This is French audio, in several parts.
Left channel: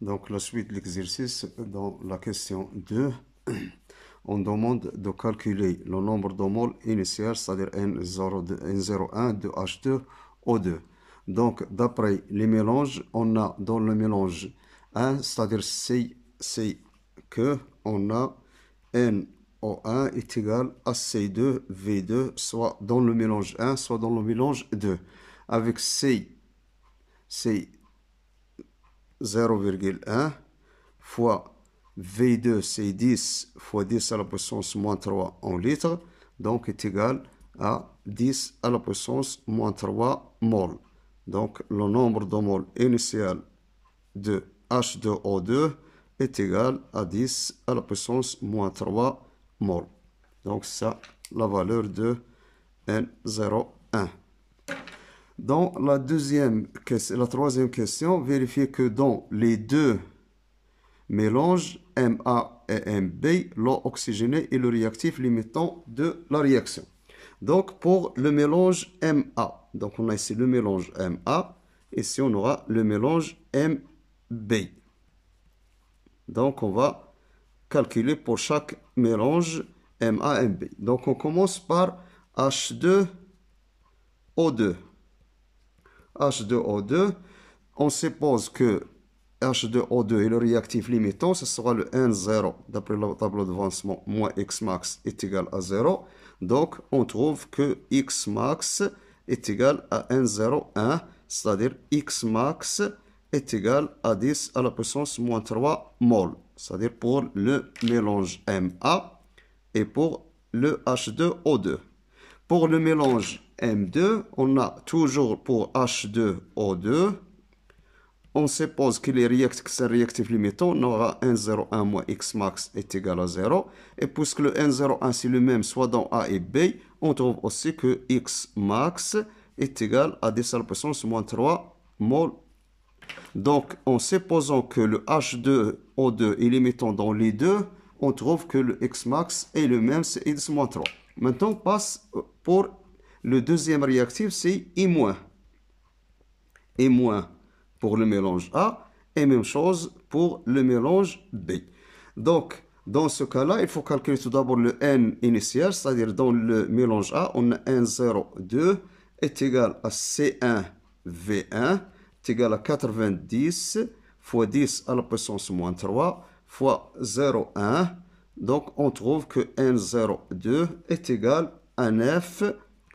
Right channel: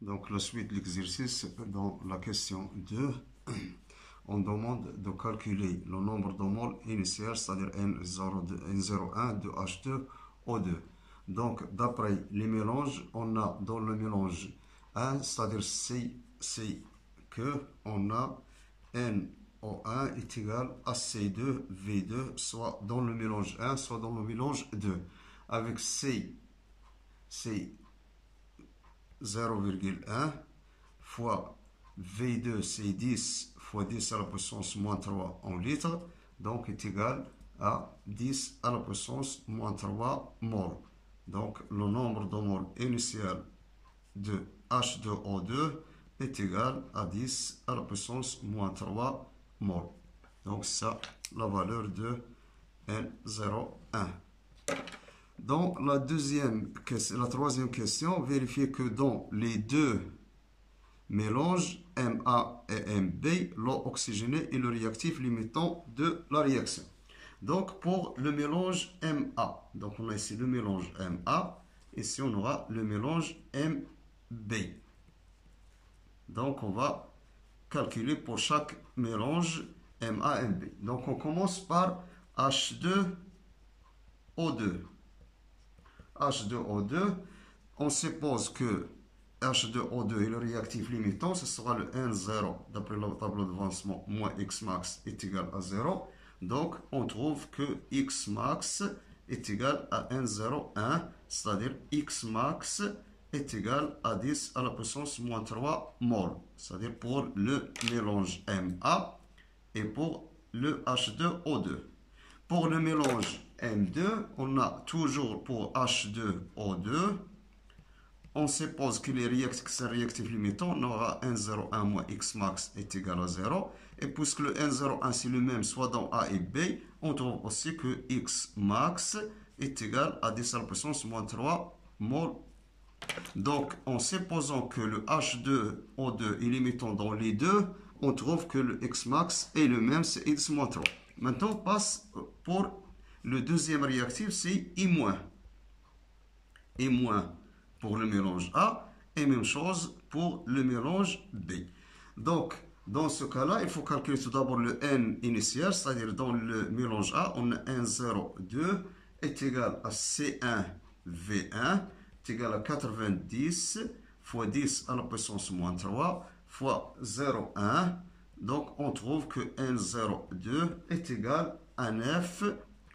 Donc, la suite de l'exercice, dans la question 2, on demande de calculer le nombre de moles initial, c'est-à-dire N01 de H2O2. Donc, d'après les mélanges, on a dans le mélange 1, c'est-à-dire c'est que on a NO1 est égal à C2, V2, soit dans le mélange 1, soit dans le mélange 2. Avec C 0,1 fois V2, c'est 10 fois 10 à la puissance moins 3 en litres, donc est égal à 10 à la puissance moins 3 mol. Donc le nombre de moles initial de H2O2 est égal à 10 à la puissance moins 3 mol. Donc ça, la valeur de N01. Dans la troisième question, vérifiez que dans les deux mélanges MA et MB, l'eau oxygénée est le réactif limitant de la réaction. Donc pour le mélange MA, donc on a ici le mélange MA, ici on aura le mélange MB. Donc on va calculer pour chaque mélange MA, MB. Donc on commence par H2O2. H2O2, on suppose que H2O2 est le réactif limitant, ce sera le N0, d'après le tableau d'avancement, moins Xmax est égal à 0. Donc, on trouve que Xmax est égal à N01, c'est-à-dire Xmax est égal à 10 à la puissance moins 3 mol, c'est-à-dire pour le mélange MA et pour le H2O2. Pour le mélange M2, on a toujours pour H2O2, on suppose que les réactifs limitants, on aura N01 moins Xmax est égal à 0. Et puisque le N01 c'est le même soit dans A et B, on trouve aussi que Xmax est égal à 10 à la puissance moins 3 mol. Donc, en supposant que le H2O2 est limitant dans les deux, on trouve que le Xmax est le même, c'est X moins 3. Maintenant, on passe pour le deuxième réactif, c'est I-. I- pour le mélange A et même chose pour le mélange B. Donc, dans ce cas-là, il faut calculer tout d'abord le N initial, c'est-à-dire dans le mélange A, on a N02 est égal à C1V1 est égal à 90 fois 10 à la puissance moins 3 fois 0,1. Donc, on trouve que N02 est égal à 9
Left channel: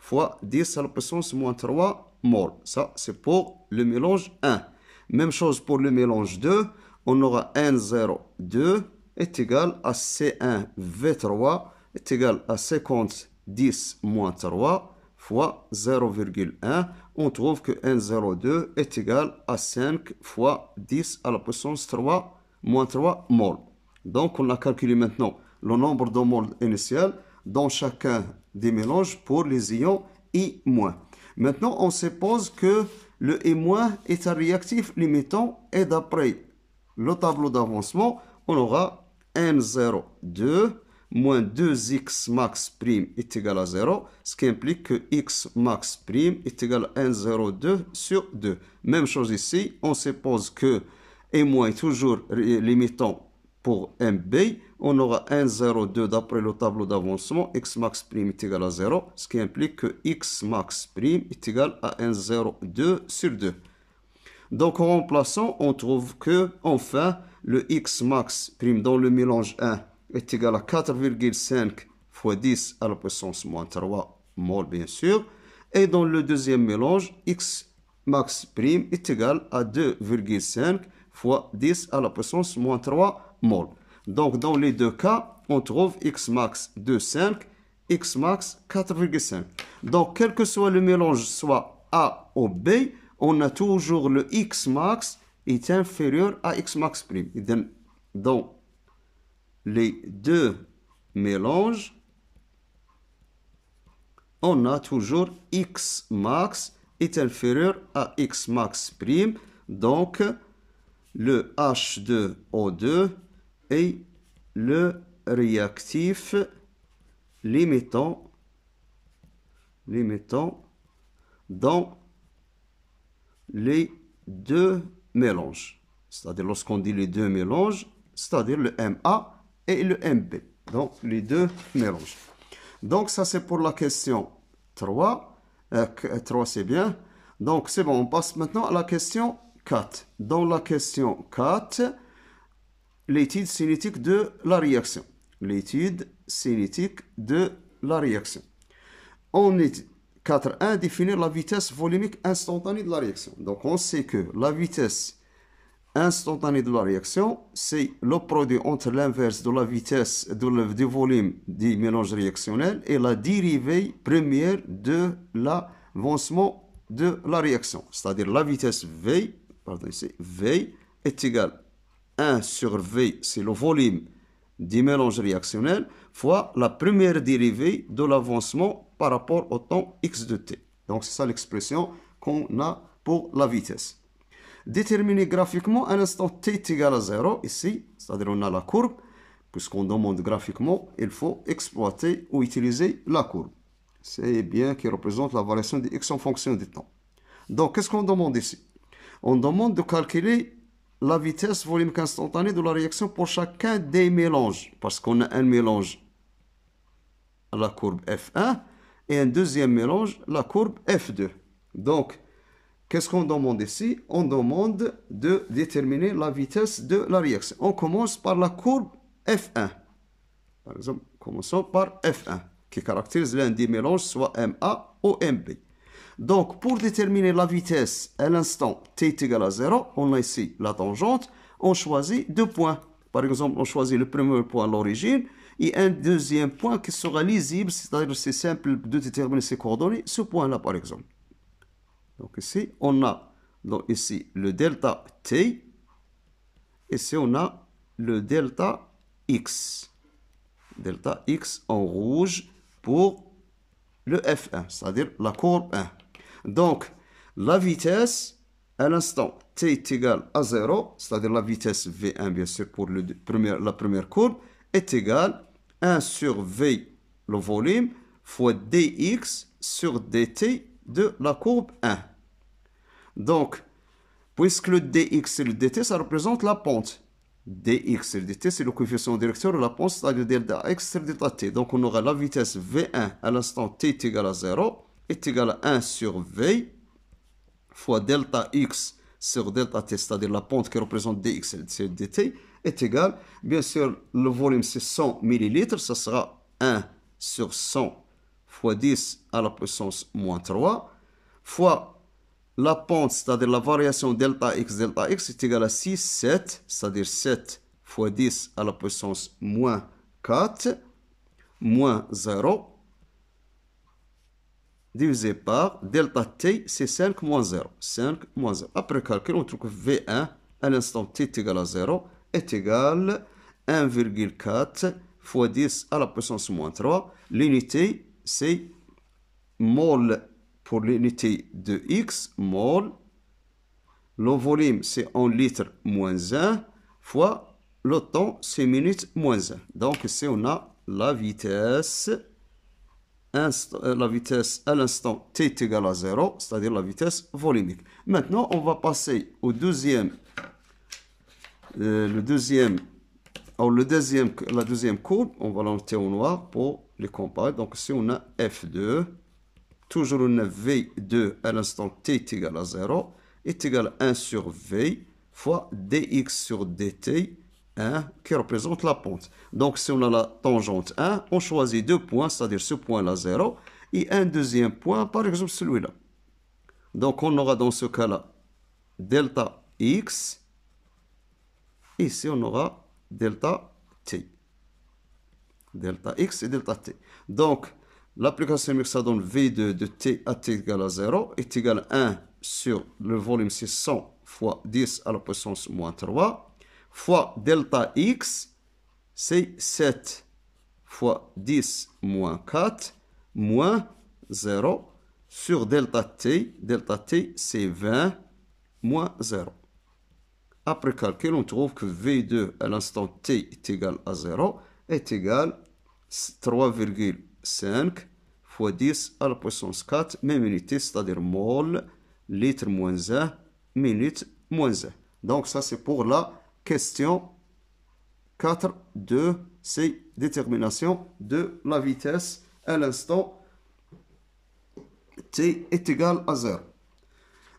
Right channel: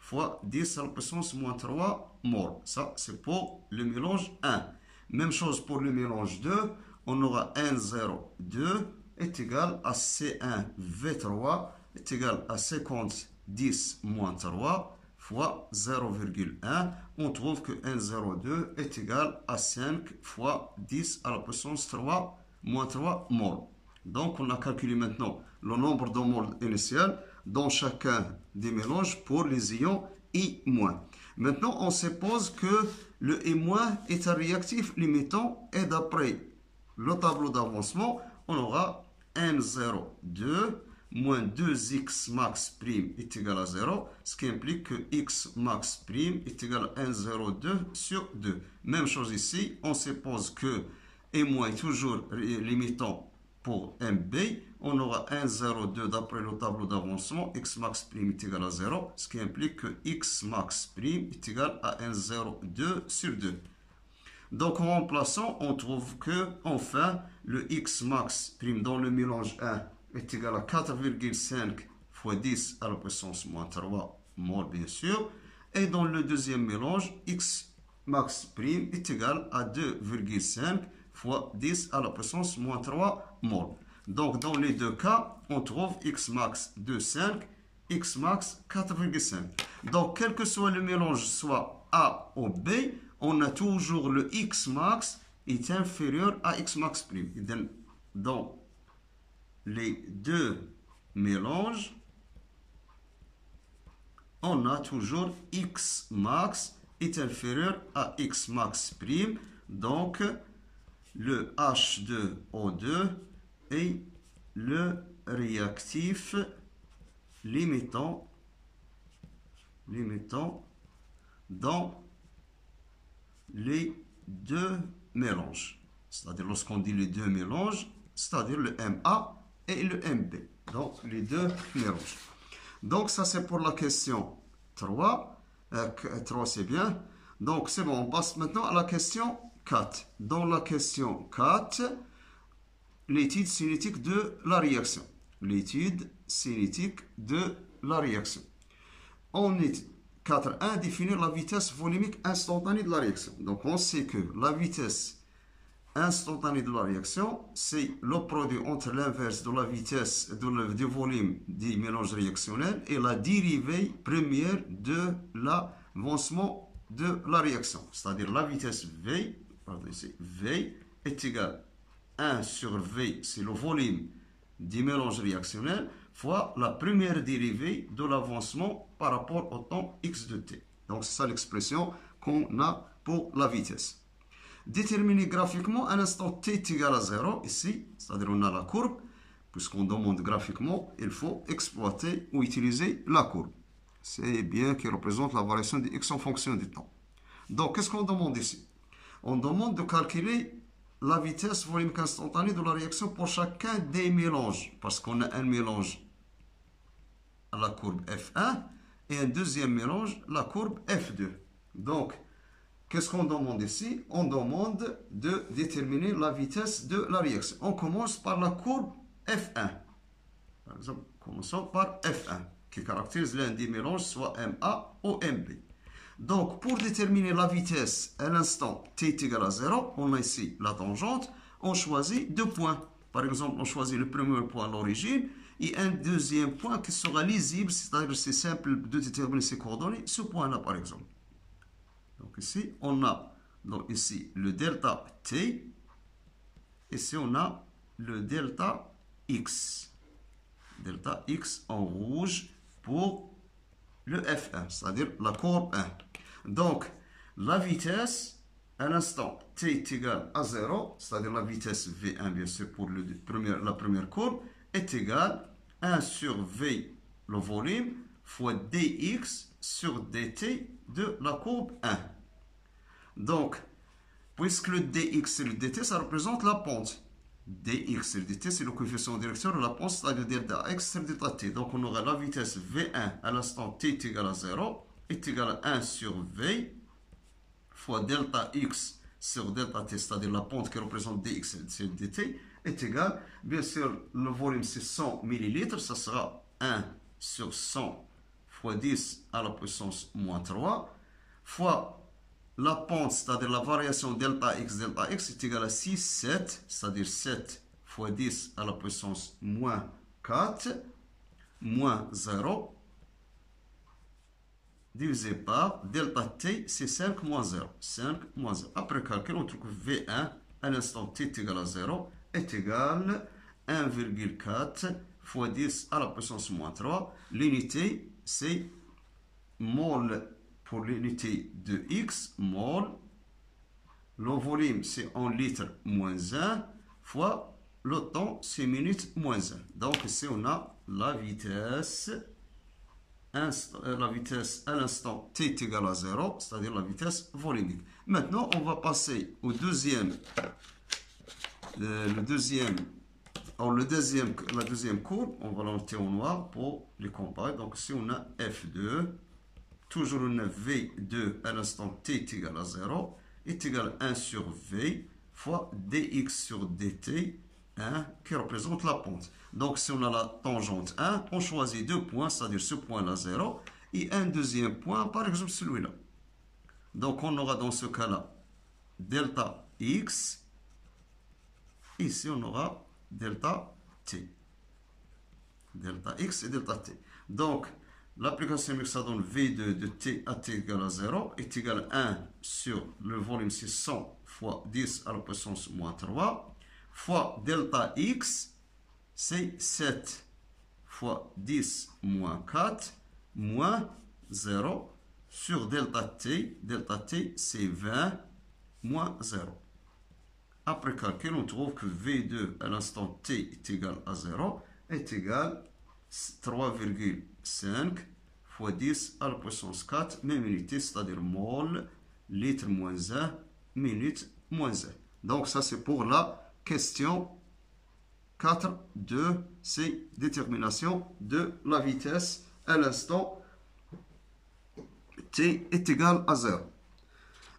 fois 10 à la puissance moins 3 mol. Ça, c'est pour le mélange 1. Même chose pour le mélange 2. On aura N02 est égal à C1V3 est égal à 50 10 moins 3 fois 0,1. On trouve que N02 est égal à 5 fois 10 à la puissance 3 moins 3 mol. Donc, on a calculé maintenant le nombre de moles initial dans chacun des mélanges pour les ions I-. Maintenant, on suppose que le I- est un réactif limitant et d'après le tableau d'avancement, on aura N02 moins 2x max prime est égal à 0, ce qui implique que x max prime est égal à N02 sur 2. Même chose ici, on suppose que I- est toujours limitant pour MB, on aura N02 d'après le tableau d'avancement, x max prime est égal à 0, ce qui implique que x max prime est égal à N02 sur 2. Donc en remplaçant, on trouve que enfin le x max prime dans le mélange 1 est égal à 4,5 fois 10 à la puissance moins 3 mol bien sûr. Et dans le deuxième mélange, x max prime est égal à 2,5 fois 10 à la puissance moins 3 mol. Donc dans les deux cas, on trouve x max 2,5, x max 4,5. Donc quel que soit le mélange, soit A ou B, on a toujours le x max est inférieur à x max prime. Dans les deux mélanges, on a toujours x max est inférieur à x max prime. Donc, le H2O2 est le réactif limitant dans les deux mélanges. c'est-à-dire lorsqu'on dit les deux mélanges, c'est-à-dire le MA et le MB. Donc, les deux mélanges. Donc, ça, c'est pour la question 3. 3, c'est bien. Donc, c'est bon. On passe maintenant à la question 4. Dans la question 4, l'étude cinétique de la réaction. L'étude cinétique de la réaction. On est 4.1, définir la vitesse volumique instantanée de la réaction. Donc, on sait que la vitesse instantanée de la réaction, c'est le produit entre l'inverse de la vitesse du volume du mélange réactionnel et la dérivée première de l'avancement de la réaction. C'est-à-dire la vitesse V, pardon, ici, V est égale 1 sur V, c'est le volume du mélange réactionnel, fois la première dérivée de l'avancement par rapport au temps x de t. Donc c'est ça l'expression qu'on a pour la vitesse. Déterminer graphiquement un instant t est égal à 0, ici, c'est-à-dire on a la courbe, puisqu'on demande graphiquement, il faut exploiter ou utiliser la courbe. C'est bien qui représente la variation de x en fonction du temps. Donc qu'est-ce qu'on demande ici? On demande de calculer la vitesse volumique instantanée de la réaction pour chacun des mélanges, parce qu'on a un mélange à la courbe F1 et un deuxième mélange, la courbe F2. Donc, qu'est-ce qu'on demande ici? On demande de déterminer la vitesse de la réaction. On commence par la courbe F1. Par exemple, commençons par F1, qui caractérise l'un des mélanges, soit MA ou MB. Donc, pour déterminer la vitesse à l'instant t est égal à 0, on a ici la tangente, on choisit deux points. Par exemple, on choisit le premier point à l'origine et un deuxième point qui sera lisible, c'est-à-dire c'est simple de déterminer ses coordonnées, ce point-là par exemple. Donc ici, on a donc ici le delta t, ici on a le delta x. Delta x en rouge pour le F1, c'est-à-dire la courbe 1. Donc, la vitesse à l'instant t est égale à 0, c'est-à-dire la vitesse V1, bien sûr, pour la première courbe, est égale 1 sur V, le volume, fois dx sur dt de la courbe 1. Donc, puisque le dx et le dt, ça représente la pente. dx et le dt, c'est le coefficient directeur de la pente, c'est-à-dire delta x sur delta t. Donc, on aura la vitesse V1 à l'instant t est égal à 0, est égal à 1 sur V, fois delta x sur delta t, c'est-à-dire la pente qui représente dx et dt, est égal, bien sûr, le volume c'est 100 ml, ça sera 1 sur 100 fois 10 à la puissance moins 3, fois la pente, c'est-à-dire la variation delta x est égale à 6, 7, c'est-à-dire 7 fois 10 à la puissance moins 4, moins 0, divisé par delta t, c'est 5 moins 0. 5 moins 0. Après calcul, on trouve que V1 à l'instant t est égal à 0 est égal à 1,4 fois 10 à la puissance moins 3. L'unité, c'est mol pour l'unité de x, mol. Le volume, c'est en litres moins 1 fois le temps, c'est minutes moins 1. Donc ici, on a la vitesse à l'instant t est égal à 0, c'est-à-dire la vitesse volumique. Maintenant, on va passer au deuxième, la deuxième courbe. On va la noter en noir pour les comparer. Donc ici, on a F2. Toujours, on a V2 à l'instant t est égal à 0, est égal à 1 sur V fois dx sur dt, 1, qui représente la pente. Donc, si on a la tangente 1, on choisit deux points, c'est-à-dire ce point-là 0, et un deuxième point, par exemple celui-là. Donc, on aura dans ce cas-là delta x, ici on aura delta t. Delta x et delta t. Donc, l'application chimique, ça donne V2 de t à t égale à 0 est égal à 1 sur le volume, c'est 100 fois 10 à la puissance moins 3, fois delta x, c'est 7 fois 10 moins 4, moins 0, sur delta t c'est 20 moins 0. Après calcul, on trouve que V2 à l'instant t est égal à 0 est égal à 3,5 fois 10 à la puissance 4, même unité, c'est-à-dire mol, litre moins 1, minute moins 1. Donc ça c'est pour la question 4 de ces déterminations de la vitesse à l'instant t est égal à 0.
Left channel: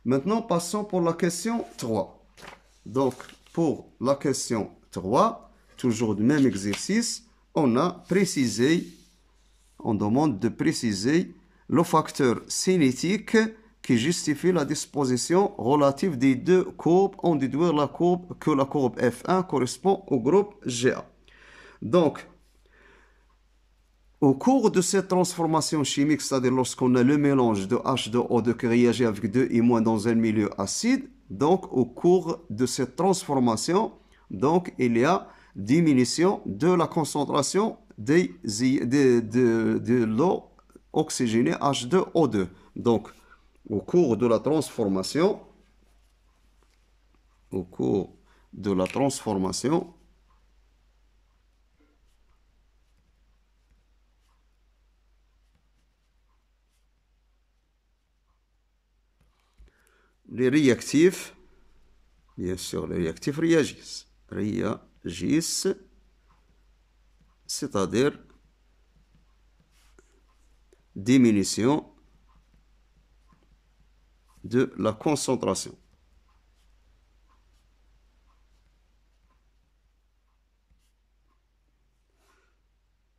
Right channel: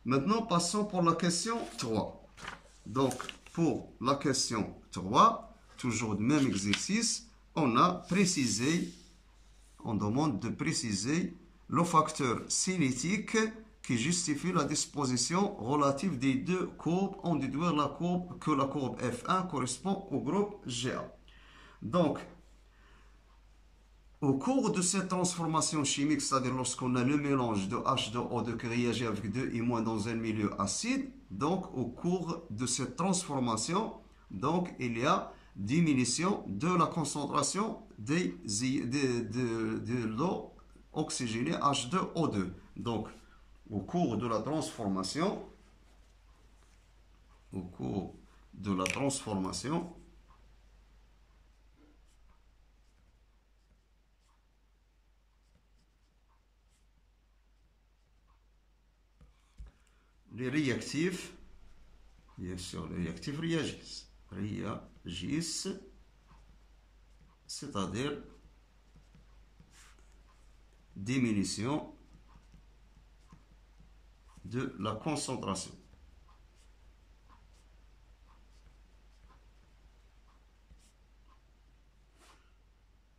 Maintenant, passons pour la question 3. Donc, pour la question 3, toujours le même exercice, on a précisé, on demande de préciser le facteur cinétique qui justifie la disposition relative des deux courbes, en déduire la courbe que la courbe F1 correspond au groupe GA. Donc, au cours de cette transformation chimique, c'est-à-dire lorsqu'on a le mélange de H2O2 qui réagit avec 2I- dans un milieu acide, donc au cours de cette transformation, donc il y a diminution de la concentration de l'eau oxygénée H2O2. Donc, au cours de la transformation, les réactifs, bien sûr, les réactifs réagissent, c'est-à-dire diminution de la concentration.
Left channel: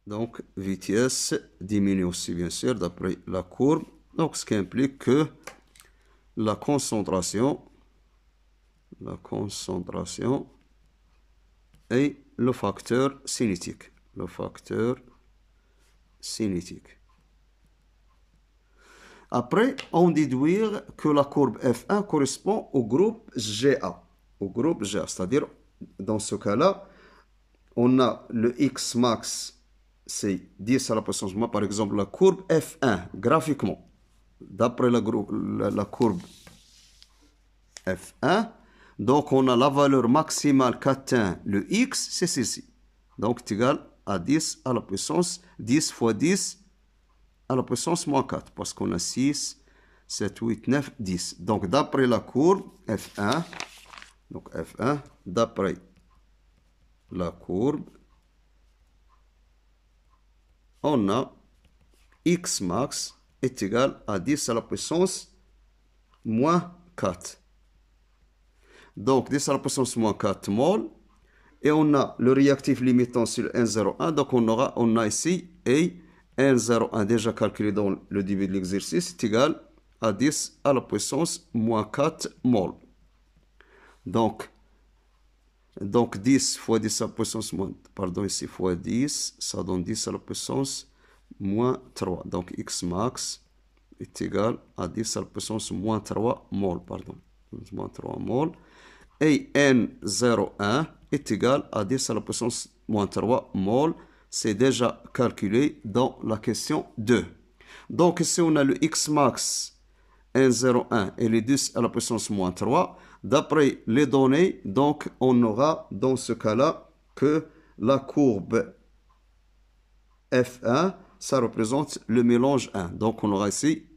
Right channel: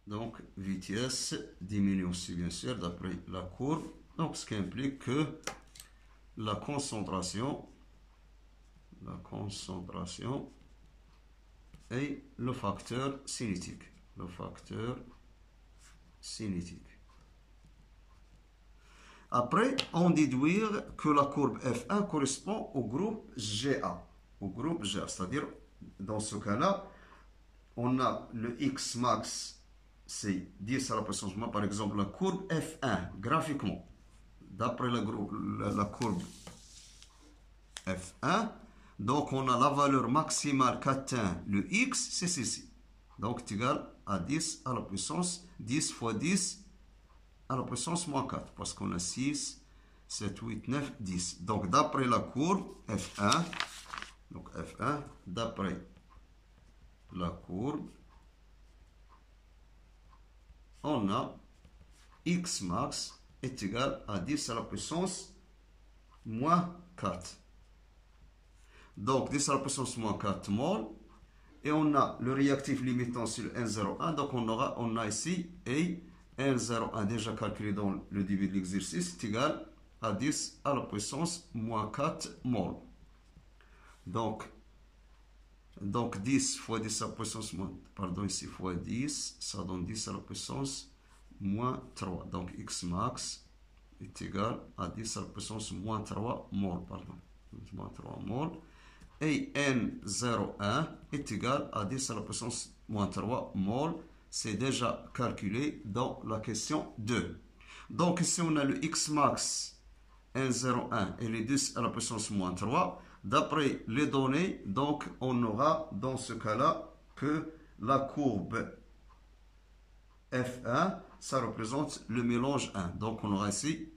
Donc, vitesse diminue aussi, bien sûr, d'après la courbe. Donc, ce qui implique que la concentration est le facteur cinétique. Après, on déduit que la courbe F1 correspond au groupe GA. C'est-à-dire, dans ce cas-là, on a le X max, c'est 10 à la puissance moins, par exemple, la courbe F1, graphiquement. D'après la courbe F1, donc on a la valeur maximale qu'atteint le X, c'est ceci. Donc, c'est égal à 10 à la puissance, 10 fois 10 à la puissance moins 4, parce qu'on a 6, 7, 8, 9, 10. Donc, d'après la courbe F1, d'après la courbe, on a X max est égal à 10 à la puissance moins 4. Donc, 10 à la puissance moins 4 mol. Et on a le réactif limitant sur 1,01. Donc, on a ici et 1,01 déjà calculé dans le début de l'exercice est égal à 10 à la puissance moins 4 mol. Donc 10 fois 10 à la puissance moins, pardon, ici fois 10, ça donne 10 à la puissance moins 3. Donc X max est égal à 10 à la puissance moins 3 mol, pardon, moins 3 mol. Et N01 est égal à 10 à la puissance moins 3 mol. C'est déjà calculé dans la question 2. Donc ici on a le X max N01 et les 10 à la puissance moins 3. D'après les données, donc on aura dans ce cas-là que la courbe F1, ça représente le mélange 1. Donc on aura ici,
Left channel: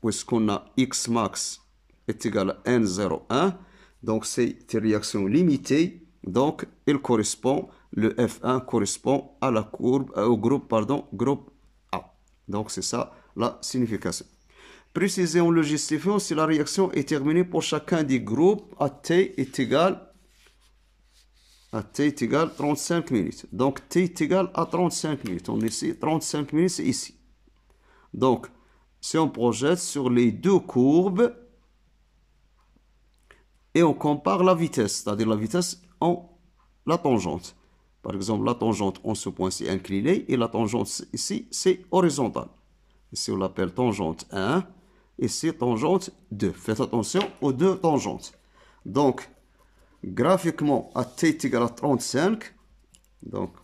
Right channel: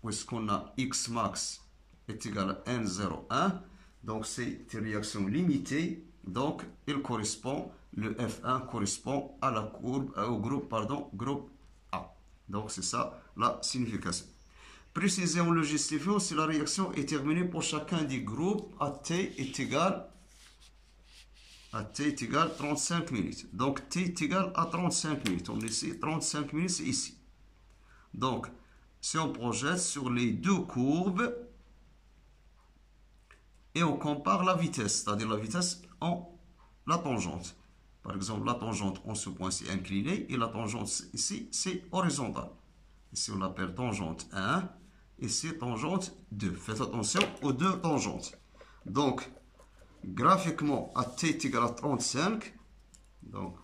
puisqu'on a X max est égal à N01, donc c'est une réaction limitée. Donc il correspond, le F1 correspond à la courbe, au groupe A. Donc c'est ça la signification. Préciser en le justifiant si la réaction est terminée pour chacun des groupes à t est égal à 35 minutes. Donc t est égal à 35 minutes. On est ici, 35 minutes, c'est ici. Donc, si on projette sur les deux courbes et on compare la vitesse, c'est-à-dire la vitesse en la tangente. Par exemple, la tangente en ce point, c'est inclinée et la tangente ici, c'est horizontale. Ici, on l'appelle tangente 1. Ici, tangente 2. Faites attention aux deux tangentes. Donc, graphiquement, à t est égal à 35. Donc,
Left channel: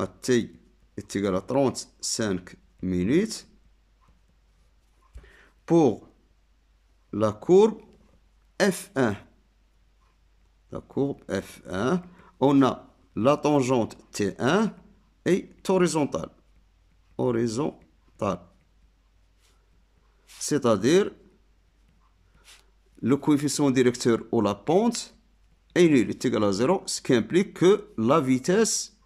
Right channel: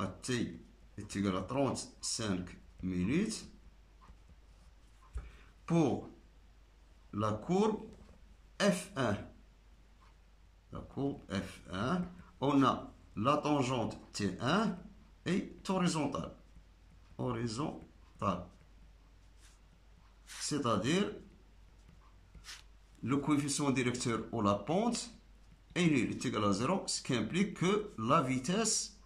à t est égal à 35 minutes. Pour la courbe F1. La courbe F1, on a la tangente T1 est horizontale. C'est-à-dire le coefficient directeur ou la pente est nul, est égal à 0, ce qui implique que la vitesse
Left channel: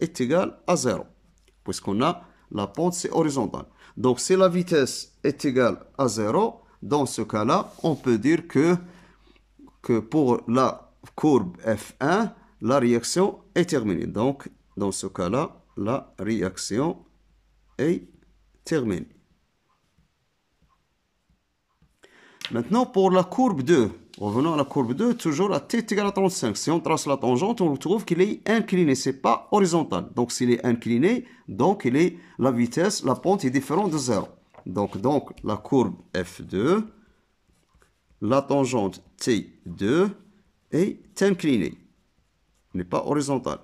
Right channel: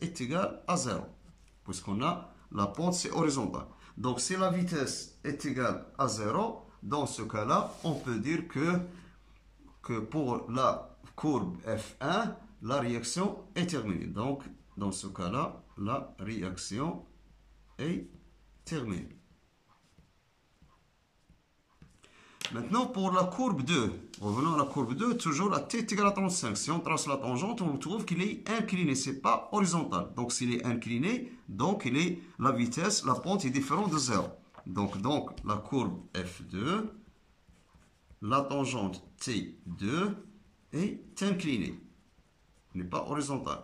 est égale à 0, puisqu'on a la pente, c'est horizontal. Donc, si la vitesse est égale à 0, dans ce cas-là, on peut dire que pour la courbe F1, la réaction est terminée. Donc, dans ce cas-là, la réaction est terminée. Maintenant, pour la courbe 2, revenons à la courbe 2, toujours à t est égal à 35. Si on trace la tangente, on retrouve qu'il est incliné, ce n'est pas horizontal. Donc, s'il est incliné, donc la vitesse, la pente est différente de 0. Donc la courbe F2, la tangente T2 est inclinée, n'est pas horizontale,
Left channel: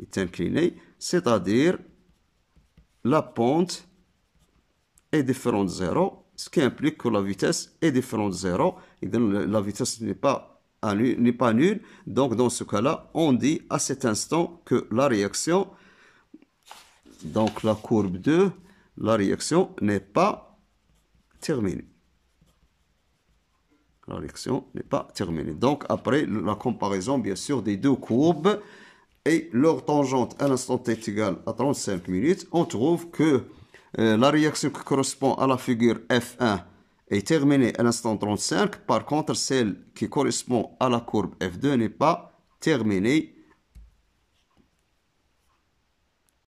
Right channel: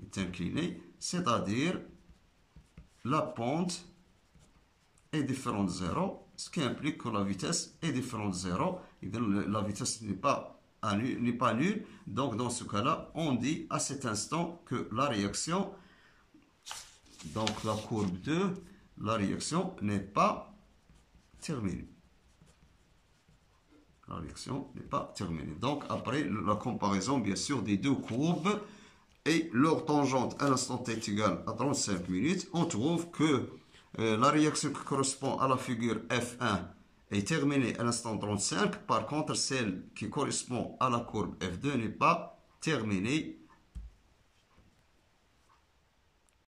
est inclinée, c'est-à-dire la pente est différente de 0, ce qui implique que la vitesse est différente de 0, et donc la vitesse n'est pas nulle. Donc dans ce cas-là, on dit à cet instant que la réaction, donc la courbe 2, la réaction n'est pas terminée. La réaction n'est pas terminée. Donc après la comparaison bien sûr des deux courbes et leur tangente à l'instant t est égale à 35 minutes, on trouve que la réaction qui correspond à la figure F1 est terminée à l'instant 35. Par contre, celle qui correspond à la courbe F2 n'est pas terminée